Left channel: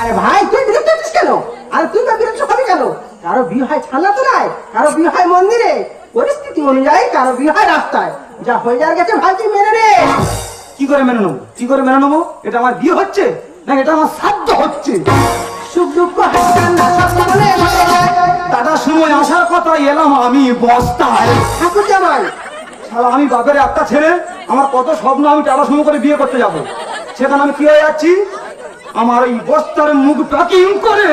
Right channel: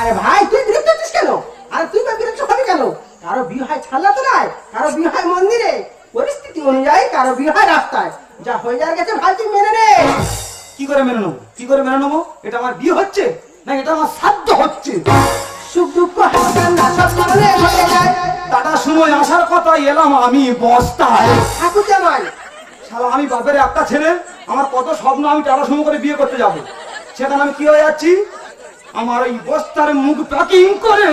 আরে ভাই তুই বিরক্ত হচ্ছিস কেন? আরে তুই বা বিরক্ত হবে কেন? কারো বিয়ে হয় ছানাতলায়, কারো বিয়ে হয় মন্দিরে, পরিস্থিতি অনুযায়ী কারো বিয়ে হয় রাস্তায়। যা হয়ে যাওয়ার গেছে ভাই তুই মেনে নে। কি করে মেনে নেবো? কি করে মেনে নেবো? এটা আমার বিয়ে হচ্ছে না এটা আমার শ্রাদ্ধ হচ্ছে? সুখ দুঃখ হাসি কান্না সব জীবনে ঘটে যায়। টাটার সময় আসার কথা এলাম আমি বস্তায়। ঠাকুর জামাই শালা আমি বাপের একটা ছেলে, আমার কত স্বপ্ন আমি টাটা সময় করে বিয়ে করতে যাব, সেখানে আমি কি হয়ে যাচ্ছি? আমার ওই বস্তার মুখ প্যাকিং করে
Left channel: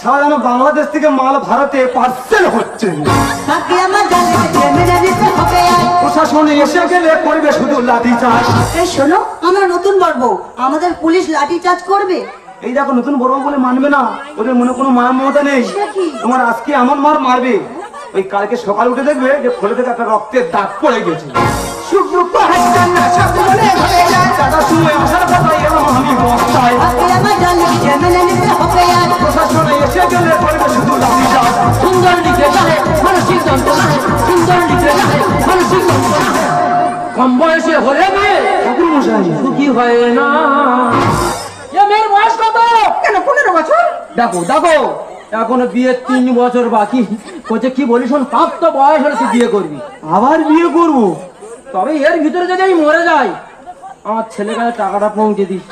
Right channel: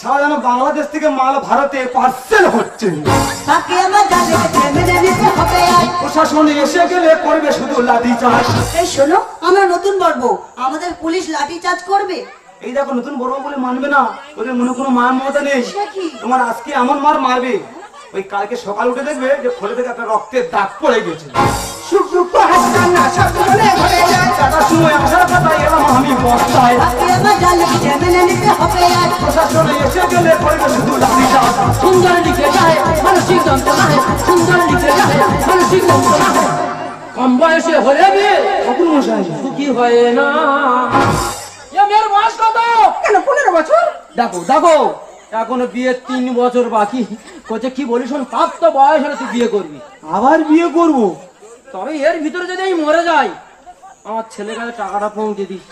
সারা যেন বাংলাদেশ থেকে মাল ভারতে পার্সেল হচ্ছে। প্রশাসনে এসে গেলে করবে শুধু লাঠি চার্জ। এই শোনো, আমরা নতুন বর্ব, আমাদের পুলিশ লাঠি চার্জ করবে। এই দেখো নতুন বড় বলে মানবে না, ওদের মনে কোনো মার মমতা নেই। তোমার আজকে এমন মার মারবে, ওই কালকে সকাল উঠে দেখবে যে ফলে থেকে একটা রক্তের দাগ পড়ে গেছে। সুখ দুঃখ হাসি কান্না সব জীবনে ঘটে যায়। টাটার সময় আসার কথা এলাম আমি বস্তায়। প্রশাসনে এসে গেলে করবে শুধু লাঠি চার্জ। সুন্দর লিখে যায় মানসিক যন্ত্রণা, সুন্দর লিখে যায় মানসিক যন্ত্রণা। কম বয়সে হলে মেয়ে ঠাকুর মশাই সুখী হয় না। এ মেয়ের বয়স কত? কেন 15 বছর? দেখো দেখো, এখনো বিয়ে 3 বছর বাকি। কোচে কি বলি শোন, প্রাপ্ত বয়স হলে তুই বিয়ে করবি। আবার বিয়ে করব? তবে এর ভিতরে যদি আমি মরে যাই, আমার ছেলের কাছে টাকাটা পৌঁছে দিস।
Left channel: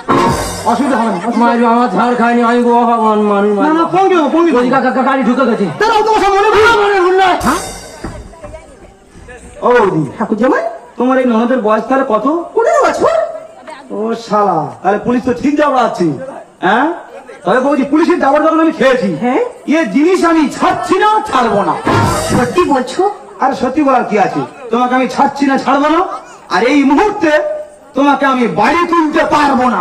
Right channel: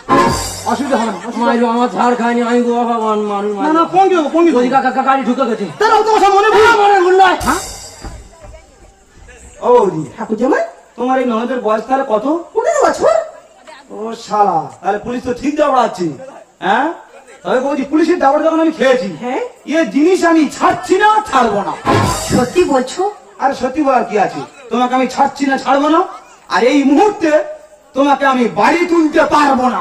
অসুবিধা হবে না। মারবি, আমার ঝাড় খায়নি, আমি মানুষ না না পৌঁছে দেবো, পৌঁছে দেবো। গাড়ি ঢুকে গেছে। তারাও তোমার সব মনে নয়। ও বৌদি, ঠাকুর জামাই তোমার এই ননদের বয়স তাহলে কত? 15 বছর? ও শালা, তাহলে পুলিশ তো ঠিক যাওয়া আছে। হ্যাঁ, তবে বৌদি পুলিশের দাবার যখন আমি খেয়েছি, হ্যাঁ এ জিনিস আমি ছাড়ছি না, ছাড়বো না। সত্যি বলছো? আরে সত্যি বলার কি আছে, তোমাকে আমি ছাড়ছি না, ছাড়বো না। আর এই মুহূর্তে তোমাকে আমি বাড়ি তুলতে পারবো না।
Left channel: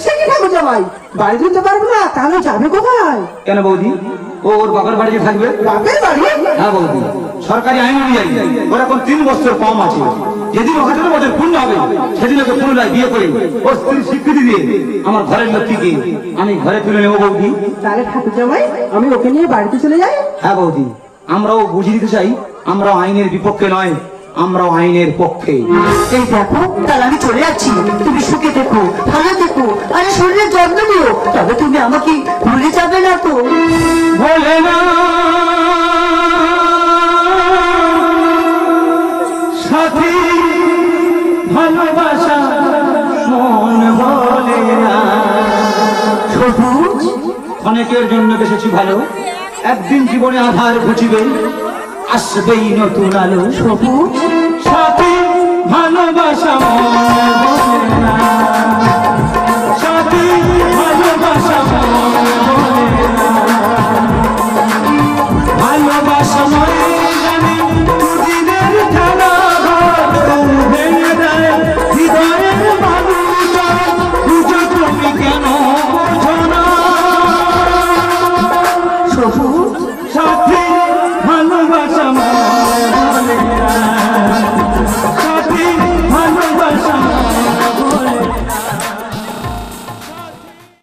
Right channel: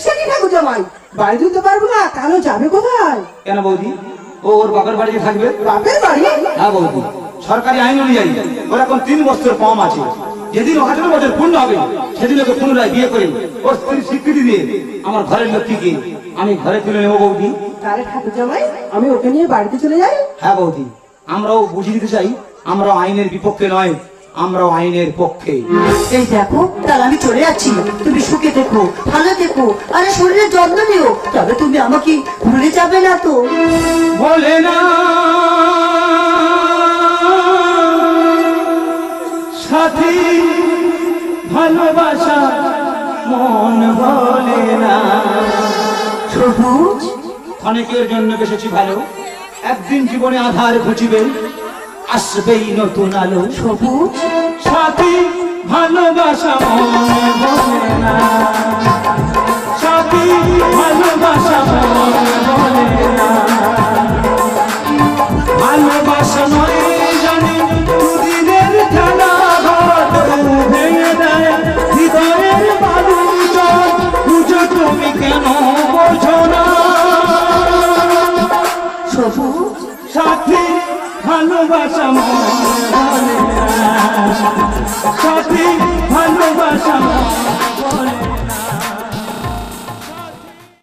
সে কি ঠাকুর জামাই, বাড়ি তুলতে পারবো না? তাহলে যাবে কোথায়? কেন বৌদি, ও ওর বাপের বাড়িতে থাকবে। বাপের বাড়ি? হ্যাঁ বৌদি, সরকারি আইন অনুযায়ী ওর এখন 3 বছর কম আছে। যেদিন 18 বছর পূর্ণ হবে সেদিন ওকে পুনরায় বিয়ে করে ওর স্ত্রীর স্বীকৃতি দিয়ে আমার ঘরের লক্ষ্মীকে আমি ঘরে তুলে নেবো বৌদি। তাহলে ঠাকুর জামাই আমি ওকে নিয়ে বাড়িতে চলে যাই? হ্যাঁ বৌদি, আমরাও বুঝিয়ে দিতে চাই, আমরাও আইনের বিপক্ষে নয়, আমরাও আইনের পক্ষে। এই দেখো, তাহলে আমি চলে যাচ্ছি। তুমি সুখে থেকো, ভালো থেকো, আরে শরীরের যত্ন নিও। তবে তুমি আমাকে ভুলে যাবে না তো? বলে না সাথী ভালোবাসা মন বলে না। সবুজ, অনেকের জন্য বেসেছি ভালো, একদিন জীবনে আধার ঘুচিবে, আসবেই নতুন আলো। সবুজ, সাথী ভালোবাসা মন বলে না, সাথী ভালোবাসা মন বলে না। ভালোবাসা নয় জানি দুদিনের খেলা, ঘর ভেঙে দেয় হৃদয়ের মানুষ। বুঝো তুমি কেন বোঝো না? সবুজ, সাথী ভালোবাসা মন বলে না, সাথী ভালোবাসা